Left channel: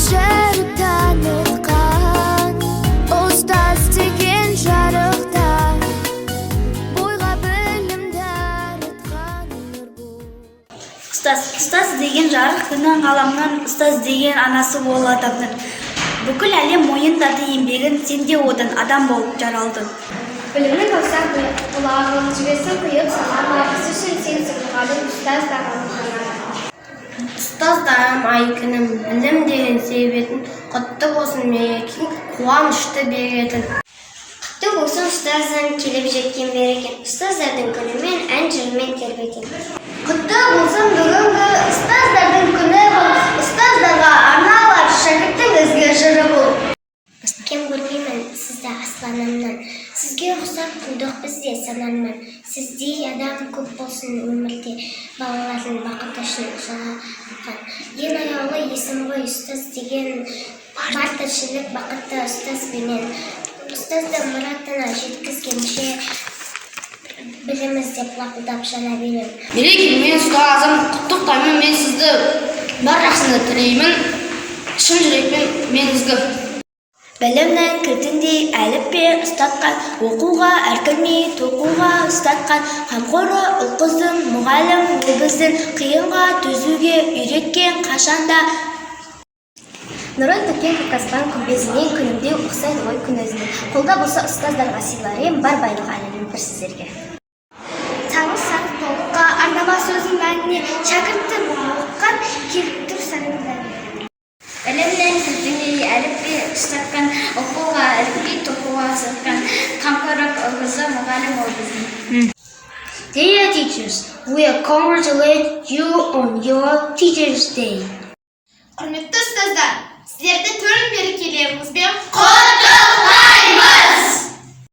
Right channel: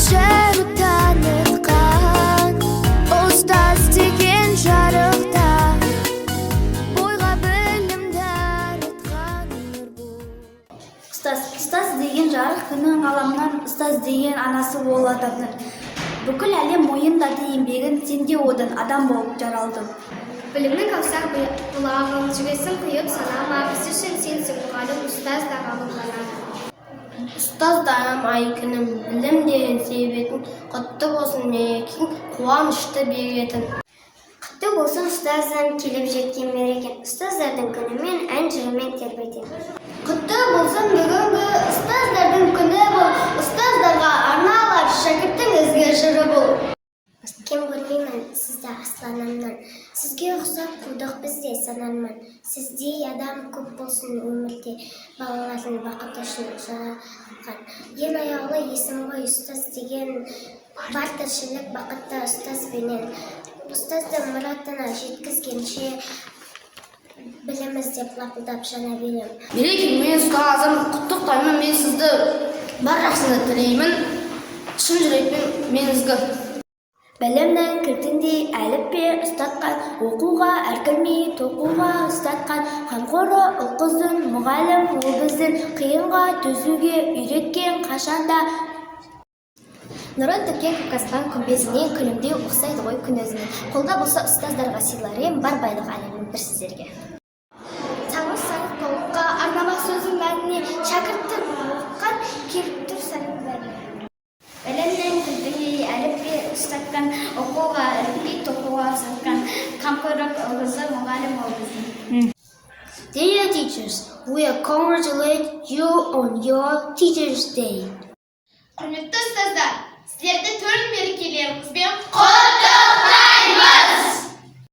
Жыр танытқан ұстаз деген жарықта бойға білім дарытқан нұр бұл. Ұстаз деген жарық күннің ғаламның ұстаз деген анасы ол адамның. Бүкіл әлем мойындады еңбегін, сен де одан адам болып жаралдың. Білімні көрсең құлағын жібесін құйып санама, біз үшін сенсің мұғалім, ұстаз да ғалымхана. Ұстаздарым ай күнім, білім деген себетін, құтты болсын мерекең, қуанышты беретін. Құтты болсын ұстаздан келіп жеткен берекен, ұстаздардың күнімен ән жырмен тербетен. Құтты болсын бүгінгі ұстаздардың күні бұл, ұстаздарға арналар шәкірттің ізгі жыры бұл. Кем көрмеймін сізді асланымнан, сізге ұқсап тудық бізде санамнан. Сіздей адам көп болсын өмірде, балалардың бақыты үшін жалаған. Ең аяулы есім ғой ұстаз деген, бар тіршілік бақытты ұстаз бенен. Ұстазды мұратына жеткізгенше, біліміз деп лапылдап жана берем. Мерекеңмен ұстазым, құттықтаймын мен сізді, бар жақсыны тілеймін, шын жүрекпен мен ізгі. Білімнің кілтіндей әліппе ұстатқан, оқуға әркірмей тоқуға ұстатқан, қамқоры ұл-қыздың мұғалім ол біздің, қиынға төзуге үйреткен қашанда. Нұрын төккен көк аспан күмбезінен күлімдеу ұқсайды ғой күн өзіне. Қолда болса ұстаздарға сыйларым, бар байлық әлемін бір сіздерге. Саңыз саты толыққа арнама сөздің мәніне, шәкіртті оққан келіп тұр сәніңді. Білімнен күлтіндей әліппе ұстатқан, оқуға әркірмей тоқуға ұстатқан, қамқоры ұл-қызды мұғалім ол біздің. Dear teachers, we congratulate you on your Teachers' Day. Құрметті ұстаздар, сіздерді төл мерекелеріңізбен